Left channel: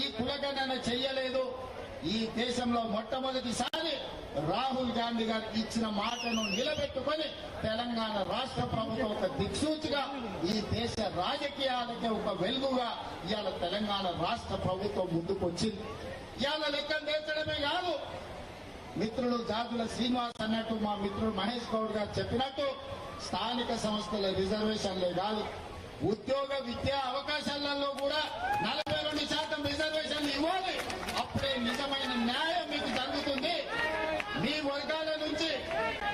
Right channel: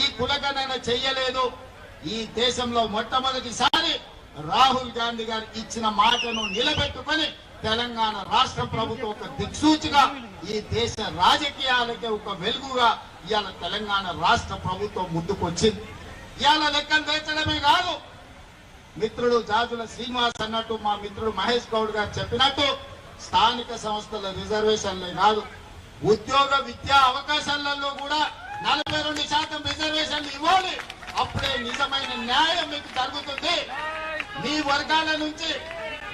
ఈ కులగణన చెయ్యలేదు. ఈ దేశంలో మొట్టమొదటిసారి రాహుల్ గాంధీ గారు ఇచ్చిన మాటను నిలబెట్టుకొని తెలంగాణ రాష్ట్ర ప్రభుత్వం ఒక దిక్సూచిగా ఈ దేశ రాజకీయాలకే ఒక వెలుగుగా ఇవాళ తెలంగాణ రాష్ట్ర ప్రభుత్వం ముందుకొచ్చింది. ఇవాళ లెక్కలు తెచ్చడమే కాదు, మిత్రుడు జాజుల శ్రీనివాస్ అన్నట్టు, మా మిత్రుడు మహేష్ గౌడ్ గారు చెప్పినట్టు స్థానిక సంస్థల రిజర్వేషన్లే కాదు, ఉద్యోగ విద్యా అవకాశాలలో కూడా 42% రిజర్వేషన్లు ఇవ్వాలి. అప్పుడే నిజమైన న్యాయం మీకు జరుగుతుంది. మీ వర్గాల నుంచి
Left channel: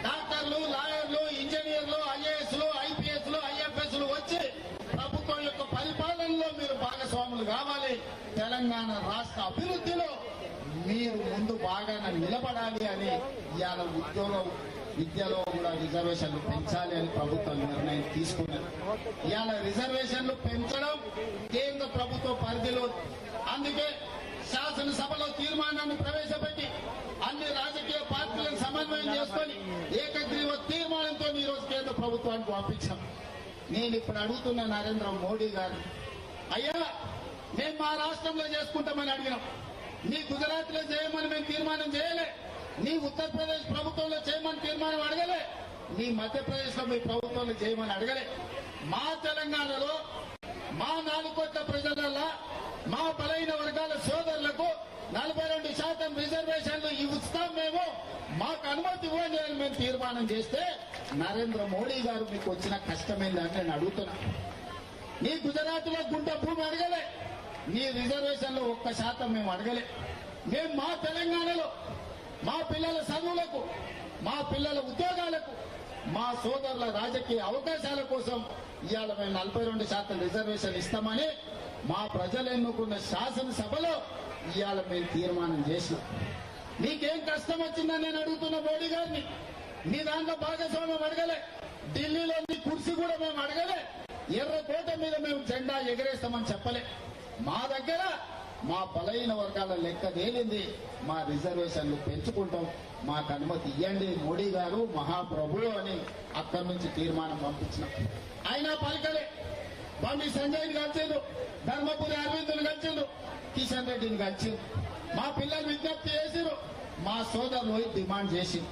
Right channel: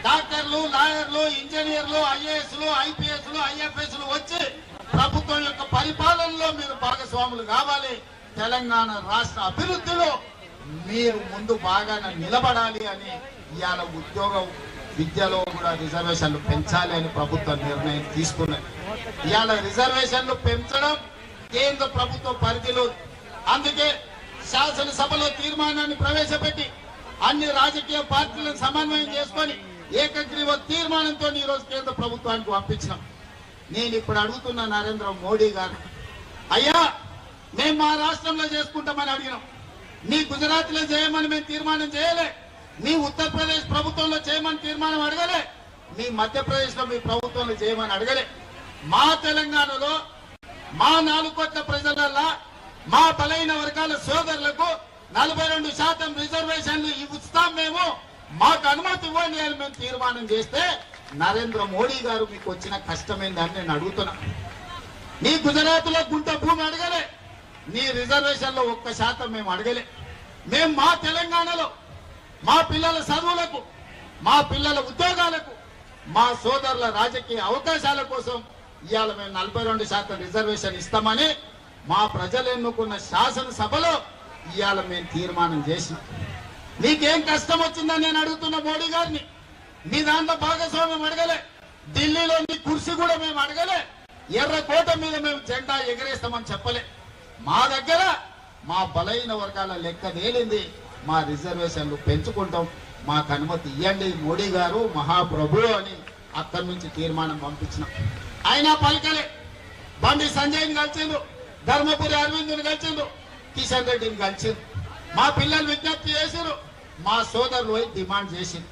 డాక్టర్లు, లాయర్లు, ఇంజనీర్లు, ఐఏఎస్లు, ఐపీఎస్లు, ఐఎఫ్ఎస్లు వచ్చి ప్రభుత్వం యొక్క పరిపాలనలో మీరు భాగస్వాములు కావాలి. తెలంగాణ రాష్ట్ర అభివృద్ధిలో మీరు ముందు బాగానే నిలబడాలి అని ఇవాళ ఉద్యోగ విద్యలో కూడా రిజర్వేషన్లు పెంచాలి అని ప్రభుత్వం నిర్ణయం తీసుకున్నది. ఇవాళ రిజర్వేషన్లు పెంచడం కేంద్ర ప్రభుత్వ పరిధిలో, అందుకే శాసనసభలో తీర్మానాన్ని ప్రవేశపెట్టి అన్ని రాజకీయ పార్టీలను సమన్వయం చేసుకొని ఏకగ్రీవ తీర్మానంతో ఈ రోజు కేంద్ర ప్రభుత్వానికి పంపించినాం. నేను ఇప్పుడు అడుగుతున్న నరేంద్ర మోడీ గారు, అయ్యా మేము మా రాష్ట్రంలో చేసుకుంటామని అడిగినాం, మీ గుజరాత్ లో చేయమని మేము తీర్మానం చేయలే, మీ ఉత్తరప్రదేశ్ ప్రభుత్వంలో చేయమని తీర్మానం అడగలే, మీ మధ్యప్రదేశ్ లో మీ ప్రభుత్వంలో చేయమని అడగలే. మా తెలంగాణలో మా 4 కోట్ల ప్రజలల్లా మా బలైన వర్గాల సోదరులకు 42% రిజర్వేషన్లు ఇస్తాం, మేము మాకు అనుమతి ఇవ్వండి అని మేము తీర్మానం చేస్తే నరేంద్ర మోడీ గారు మీకు వచ్చిన కష్టమైందని నేను అడుగుతున్నా. నీ గుజరాత్ లో గుంట భూమి అడగలే, నీ రిజర్వేషన్లో 1% మేము అడగలే. మేము మా తెలంగాణలో మా పిల్లల చదువులకు, మా పిల్లల ఉద్యోగాలకు, మా సోదరుల రాజకీయ అవకాశాల కోసం ఇవాళ మేము 42% రిజర్వేషన్ ఇస్తామని మా ప్రజలు ఎన్నుకున్న శాసనసభలో ఇవాళ మేము తీర్మానం చేసి, మీకేం కష్టం వచ్చిందని నేను అడుగుతున్న మోడీ గారిని. మీ దాంట్లో భాగస్వామ్యం అడగలే, ఢిల్లీలో మీ కుర్చీ కూడా మేము అడగలే, ఎర్రకోట మీద మేము జెండా ఎగరేస్తామని చెప్పలే. మా దగ్గర మా బలైన వర్గాల లెక్క తేలింది, మా రిజర్వేషన్లు పెంచుకుంటాం, మాకు అనుమతి ఇవ్వండి మోడీ గారు మహాప్రభు అని అక్కడి నుంచి తీర్మానం పంపించినాం. అయినా పలకలే. బండి సంజయ్ని కలిసిండు, ధర్మపురి అరవింద్ని కలిసిండు, కిషన్ రెడ్డిని కలిసిండు. మా పిల్లలు విజ్ఞప్తి చేసిరు, మా సోదరులు డిమాండ్ చేసిండు,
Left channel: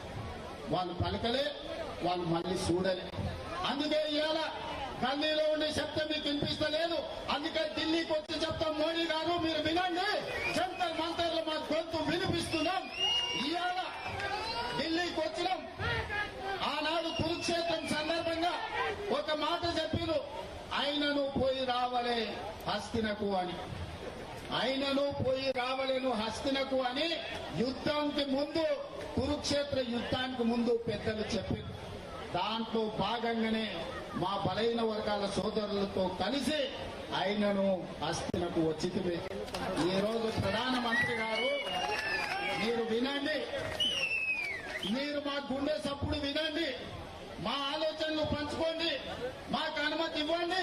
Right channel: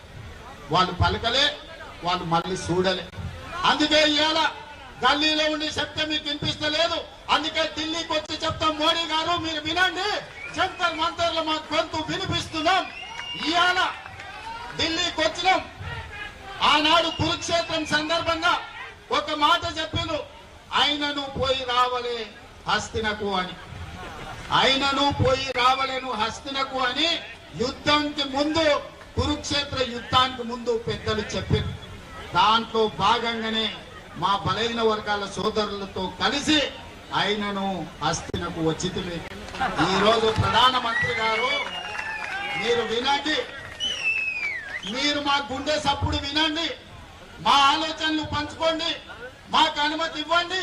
వాళ్ళు పలకలే, వాళ్ళు మళ్ళీ చూడలే. అందుకే ఇవాళ గల్లీలో ఉండి చెప్తే మీకు వినిపిస్తలేదు, అందుకే ఢిల్లీకి వచ్చి చెప్తాం, మోడీ గారు మీరు వినండి, జంతర్ మంతర్లు మా గొంతు వినిపిస్తున్నాం. ఇవాళ ఢిల్లీకి వచ్చినాం. ఆనాడు కురుక్షేత్రం సందర్భంగా ఒక మాట చెప్పిండు, ఆయనను పోయి రావలే హస్తినకు అని, ఆయనను పోయి రావలేను హస్తినకు అని యుద్ధానికి ముందు, కురుక్షేత్ర యుద్ధానికి ముందు పెద్దలు చెప్పారు. దాంట్లో భాగంగానే మా బలైన వర్గాల సోదరులతో కలిసి ఆయనను హస్తినకు వచ్చింది. ఈ రోజు ప్రధానమంత్రి గారు మీరు వినండి, మీరు మా గుండె సప్పుడు వినండి, మా ఆలోచనలు పంచుకోండి, మాకు అనుమతి ఇవ్వండి,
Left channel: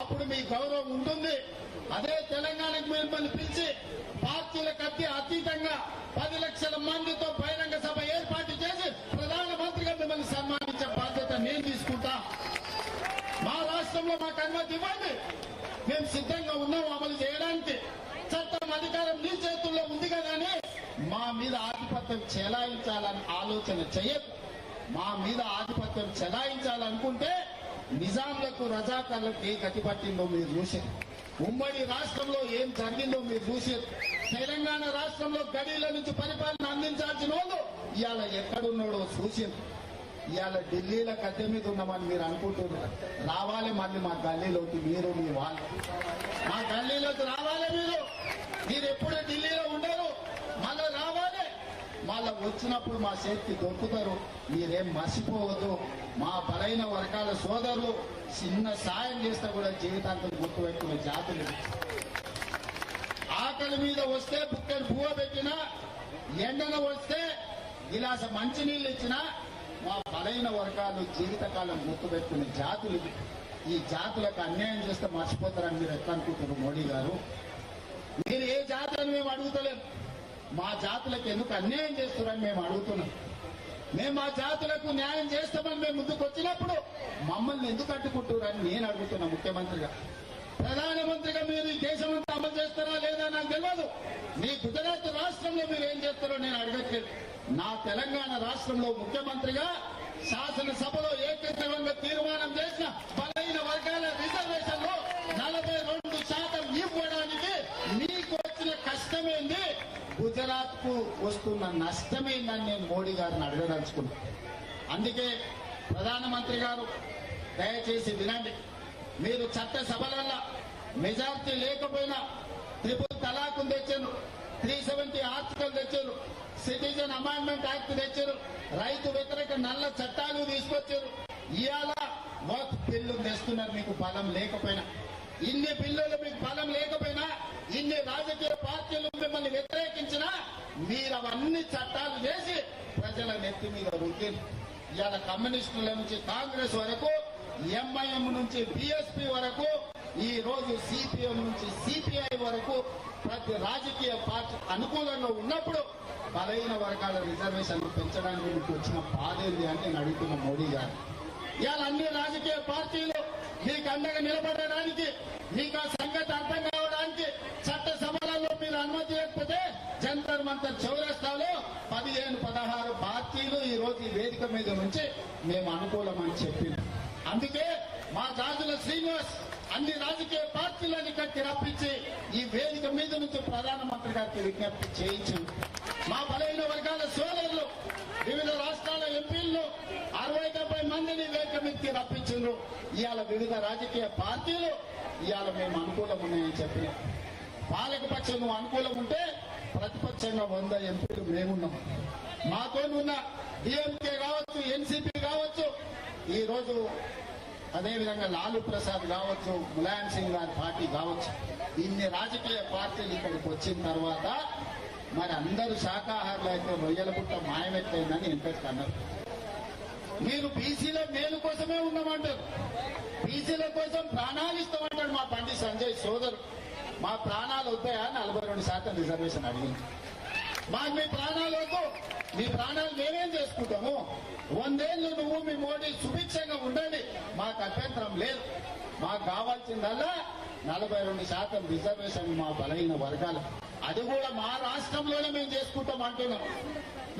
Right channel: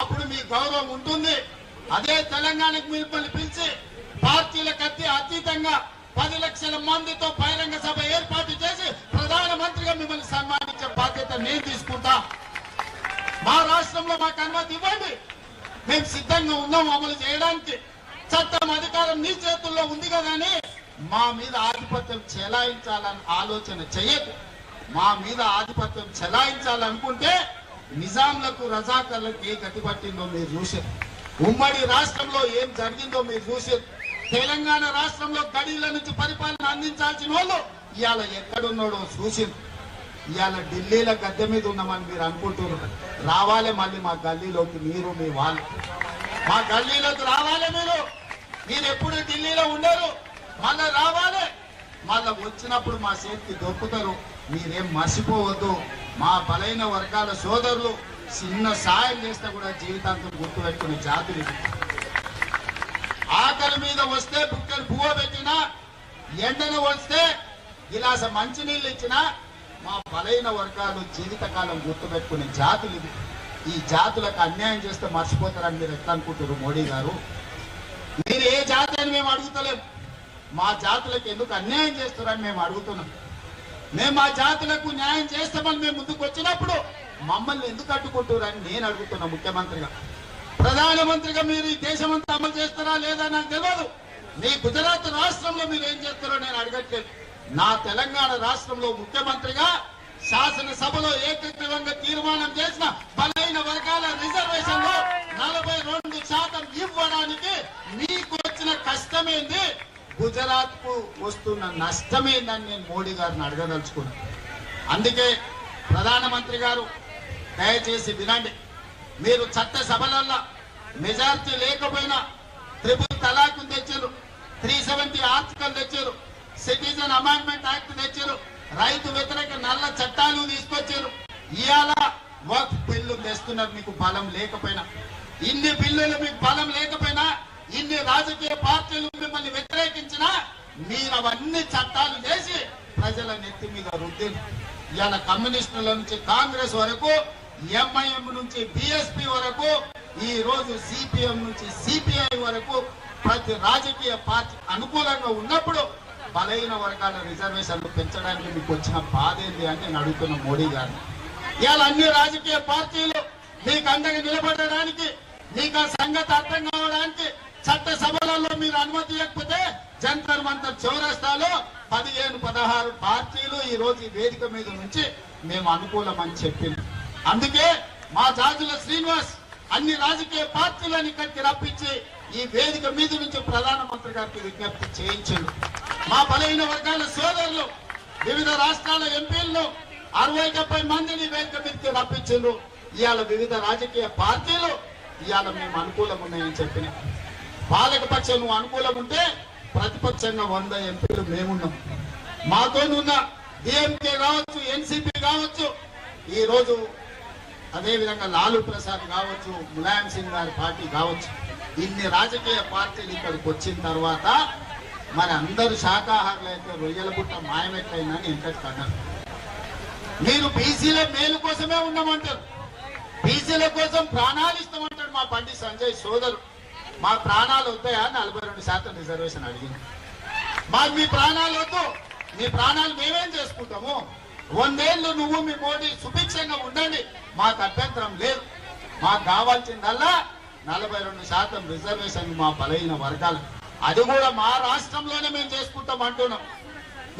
అప్పుడు మీ గౌరవం ఉంటుంది. అదే తెలంగాణకు మిమ్మల్ని పిలిచి పార్టీలకు అతీతంగా 10 లక్షల మందితో బహిరంగ సభ ఏర్పాటు చేసి ప్రధానమంత్రిగా మిమ్మల్ని సన్మానించే బాధ్యత నేను తీసుకుంటా. మా రాష్ట్రంలో మాకు అనుమతి ఇవ్వండి, మేము సిద్ధంగా ఉన్నాం అమలు చేయడానికి. చట్టం అధికారం నీ చేతుల్లో ఉంది కదని మా మీద ఆధిపత్యం చెలాయించాలని ఆలోచన చేయకు. మా మీద ఆధిపత్యం చెలాయించాలనుకుంటే నిజాంలకు, రజాకర్లకు ఏ గతి పట్టిందో మీరు చూసారు. ఉమ్మడి రాష్ట్రంలో ఏం జరిగిందో మీరు చూసారు. తెలంగాణ రాష్ట్రంలో గడిల నుంచి పరిపాలన అందించాల్సిన వాళ్ళు ఇవాళ ఎక్కడున్నాడో చూసారు. ఇవాళ ఢిల్లీలో గద్దె మీద ఉన్నామని మీరు అనుకుంటున్నారు. రావాలి మళ్ళీ మా గల్లీలోకి, మీరు మీ వాళ్ళు మా గల్లీలోకి రావాలి. మీరు ఎప్పుడు ఢిల్లీలో ఉండరు, మళ్ళా రావాలి. మళ్ళా వచ్చినప్పుడు మా చేతికి దొరుకుతారు. మీరేం మర్చిపోవద్దు. మా బలైన వర్గాల సోదరులు చిన్న సాయం చేస్తే కూడా జీవితాంతం గుర్తుపెట్టుకునే జాతులు. ఆకలి మీద వస్తే బుక్కలు పువ్వ పెట్టినా, ఎండన వస్తే గిలాస మంచినీళ్ళు ఇచ్చినా మా బలైన వర్గాలు జీవితకాలం గుర్తుపెట్టుకునే జాతులు ఇవి. ఈ జాతులకు అన్యాయం చేస్తే మర్చిపోతారని మీరు ఎట్లా అనుకుంటారు మోడీ గారు? మీరు ఏ జాతి అని మేము అడుగుతలేము, మా జాతులకు ఎందుకు అన్యాయం చేస్తారని మేము అడుగుతున్నాం. మేము మా జాతులకు న్యాయం చేస్తామని మేము ముందుకు వచ్చినప్పుడు మమ్మల్ని ఎందుకు అడ్డుకుంటారని నేను అడుగుతున్నా ముఖ్యమంత్రిగా. ప్రధానమంత్రిగా మీరు ఈ దేశమంతా అమలు చేస్తారా లేదా నాకు తెలియదు. మీ గుజరాత్ రాష్ట్రంలో మీరు ఏం చేస్తారో నేను అడగట్లేదు. నా తెలంగాణ రాష్ట్రంలో ముఖ్యమంత్రిగా శాసనసభలో ఏకగ్రీవంగా తీర్మానం చేసిన బలైన వర్గాల రిజర్వేషన్ లో 42% ఇవ్వడానికి మీకు వచ్చిన కష్టమేంది, గుజరాత్ కు వస్తున్న నష్టమేందని నేను మోడీ గారిని అడగదలుచుకున్నా. అందుకే ప్రధానమంత్రి గారు దయచేసి వినండి. మీరు చట్టసభలల్లో మెజారిటీ లేకపోయినా ట్రిపుల్ తలాక్ తెచ్చారు, 370 ఆర్టికల్ తెచ్చారు, సిటిజన్ అమెండ్మెంట్ యాక్ట్ తెచ్చారు, రైతు వ్యతిరేక నల్ల చట్టాలు తీసుకొచ్చారు. ఇవాళ వక్ఫ్ బిల్లు తెస్తున్నారు. మీకు బలం లేకపోయినా, ఇన్ని బిల్లులు మీకు బలం లేకపోయినా, ఇన్ని రాజకీయ పార్టీలు మిమ్మల్ని వ్యతిరేకించినా మీరు అవన్నీ చట్టాలు చేసి ప్రజల నెత్తి మీద రుద్ది ఇవాళ కమ్యూనిస్టుల నుంచి కాంగ్రెస్ వరకు, ఎంఐఎం నుంచి బిఎస్పీ వరకు, ఈ రోజు సిపిఎం నుంచి సిపిఐ వరకు ప్రతి రాజకీయ పార్టీ అనుకూలంగా ఉన్నప్పుడు బలైన వర్గాల రిజర్వేషన్లు పెంచడానికి మీకు వచ్చిన బాధ ఏంది అని నేను అడుగుతున్న మోడీ గారు. ఇవాళ అన్ని రాజకీయ పార్టీలు మీకు అండగా నిలబడడానికి, మీకు ఆ సంగతి అర్థం కావడానికి చట్టసభలలో మీరు అనుమతి ఇవ్వకపోతే జంతర్ మంతర్ చౌరస్తాలో 15-16 పార్టీలు ఈ రోజు ఈ వేదిక మీద నుంచి మేము అనుకూలమని చెప్పింది. అందుకే మా జాజుల శ్రీనివాస్ అన్ని రాజకీయ పార్టీలను ఇక్కడికి రప్పించి ఈ వేదిక మీద నుంచి ప్రధానమంత్రి గారికి విజ్ఞప్తి చేయించండి. మా బలైన వర్గాల సోదరులు వివిధ రాష్ట్రాల ఎంపీలను 60-70 మందిని వేదిక మీదకి రప్పించారు. ఇవాళ వివిధ రాజకీయ పార్టీలు ఇవాళ మేము అనుకూలం ఉన్నాయని చెప్పిన పాలకపక్షం నువ్వు అనుకూలం ఉంటే ప్రతిపక్షంగా 100 ఎంపీలు మేమున్నాం. మాతో ఉన్న డిఎంకే కావచ్చు, ఎన్సీపీ కావచ్చు, ఈ రోజు అదేవిధంగా లాలూ ప్రసాద్ కావచ్చు, ములాయం సింగ్ గారి పార్టీ కావచ్చు, ఇన్ని రాజకీయ పార్టీలు ఇక్కడికి వచ్చిన తర్వాత మరి అందరూ శాఖాహారులు అయితే రొయ్యల పుట్ట మాయమెట్లయిందని ఇంతటి అన్నారు. మీరు బీసీల మేలు కోసమే ఉన్నామంటారు, బీసీల కోసం ప్రాణాలు ఇస్తామంటాడు మా పండి సంజయ్ సోదరు. మా ప్రాణాలు వద్దాయా? 42% రిజర్వేషన్ అడిగింది. మాకు మీ ప్రాణాలు వద్దు, మీ ప్రాణాలు మేమేం చేసుకుంటాము? 100 ఏళ్ళు నువ్వు మీ మోడీ సుభిక్షంగా ఉండండి, మాకు అభ్యంతరం లేదు. మాకు కావాల్సిందల్లా 42% రిజర్వేషన్ మా బలైన వర్గాలు. అది కూడా మా రాష్ట్రంలోనే మేము చేసుకుంటాం అంటున్నాం.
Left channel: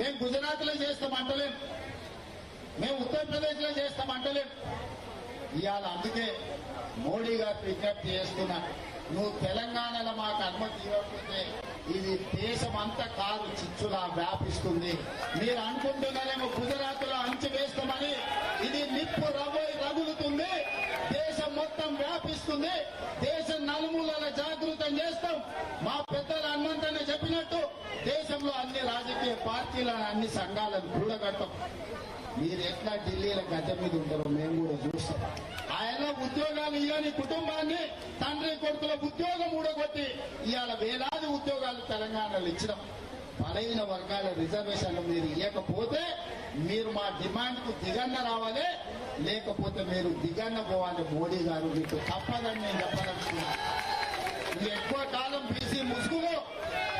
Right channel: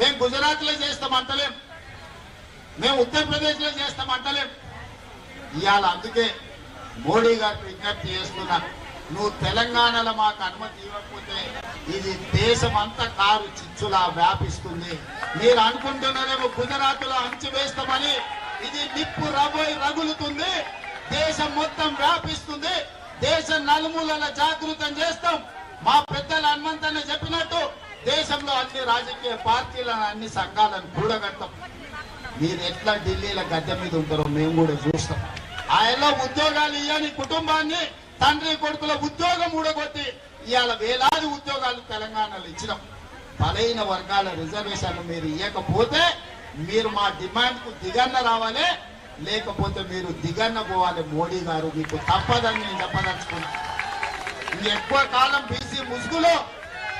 మేము గుజరాత్ లో చేస్తామంటలేం, మేము ఉత్తరప్రదేశ్ లో చేస్తామంటలేం. ఇవాళ అందుకే మోడీ గారికి విజ్ఞప్తి చేస్తున్నా, నువ్వు తెలంగాణలో మాకు అనుమతి ఇవ్వకపోతే ఇది దేశం అంతా కారు చిచ్చులా వ్యాపిస్తుంది. మీరు అనుకుంటున్నారేమో గుజరాత్ లో అంచు వేస్తామని, ఇది నిప్పు రగులుతుంది, దేశం మొత్తం వ్యాపిస్తుంది, దేశ నలుమూలల జాగృతం చేస్తాం. మా పెద్దలు హనుమంతనే చెప్పినట్టు దేశంలో అన్ని రాజకీయ పార్టీలను, అన్ని సంఘాలను కూడగడతాం. మీరు ఎట్లా ఢిల్లీలో గద్దె మీద ఉంటారో మేము కూడా చూస్తాం. ఆయనలో ఉద్యోగాలు ఇవ్వని కుటుంబాన్ని తండ్రి కొడుకుల ఉద్యోగం ఊడగొట్టి ఇవాళ వేలాది ఉద్యోగాలు తెలంగాణలో ఇచ్చినాం. బలైన వర్గాల రిజర్వేషన్లు మీరు ఇవ్వకపోతే మీరు మా డిమాండ్ కు దిగన్న రావాలి, లేకపోతే మీరు దిగన్న పోవాలి. మోడీ గారు మీకు తప్పదని నేను చెప్పదలుచుకున్నా. ఎక్కువ కాలం బీసీ ముసుగులో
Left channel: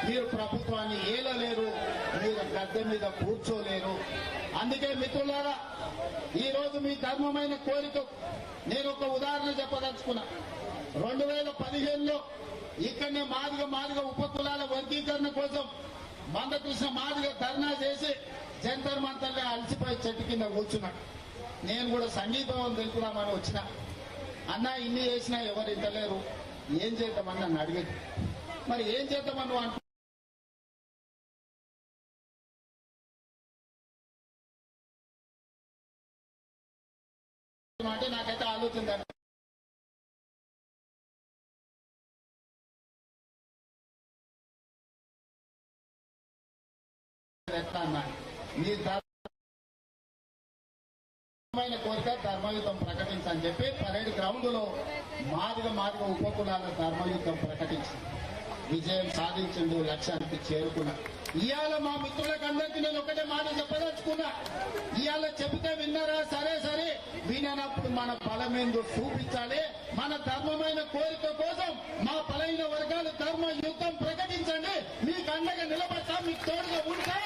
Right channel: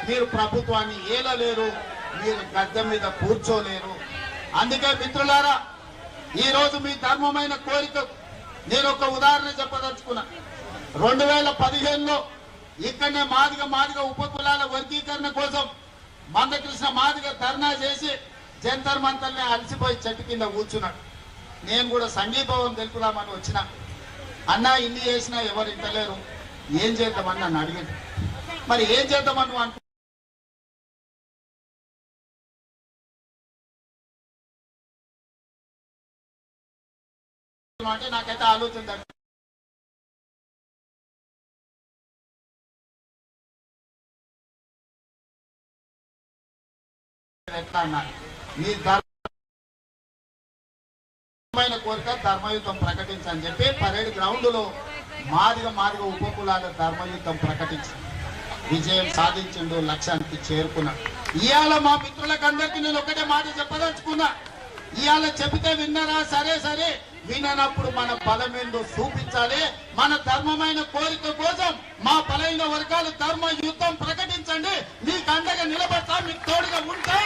మీరు ప్రభుత్వాన్ని ఏలలేరు, మీరు గద్దె మీద కూర్చోలేరు. అందుకే మిత్రులారా, ఈ రోజు మీ ధర్మమైన కోరిక నేను ఒక ఉదాహరణ చెప్పదలుచుకున్నా. 2015లో ఇక్కడనే మాదిగ ఉపకులాల వర్గీకరణ కోసం మందకృష్ణ మాదిగ ధర్నా చేసి జంతర్ మంతర్లే అలసిపోయి చెట్టు కింద కూర్చున్నాడు. నేను కూడా సంఘీభావం తెలుపుదామని వచ్చిన. అన్నా ఇన్ని చేసినా ఎవరు ఇంటలేరు, ఏం చేద్దామని నన్ను అడిగింది. మరి ఏం చేద్దామని అనుకు అంటే నాకైతే ఆలోచన ఎట్లా అన్నాను, మీ ధర్మమైన కోరిక ధర్మయుద్ధం ప్రకటించని చెప్పి పరేడ్ గ్రౌండ్ లో మాదిగ ఉపకులాల ధర్మయుద్ధం ప్రకటించి విజయం సాధించిండు, లక్ష్యానికి చేరుకున్నాడు. ఇవాళ మా మిత్రులకు అందరికీ నేను ఒకటే మాట చెప్పదలుచుకున్నా. ఇవాళ చెబితే విన్నరా? సరే విననప్పుడు మన బలమేందో చూపించాలి. మన ధర్మమైన కోరిక కోసం మా బలైన వర్గాలు ధర్మ యుద్ధం ప్రకటించండి. మీకు అండగా నిలబడతా, మీకు తోడుగా ఉంటా.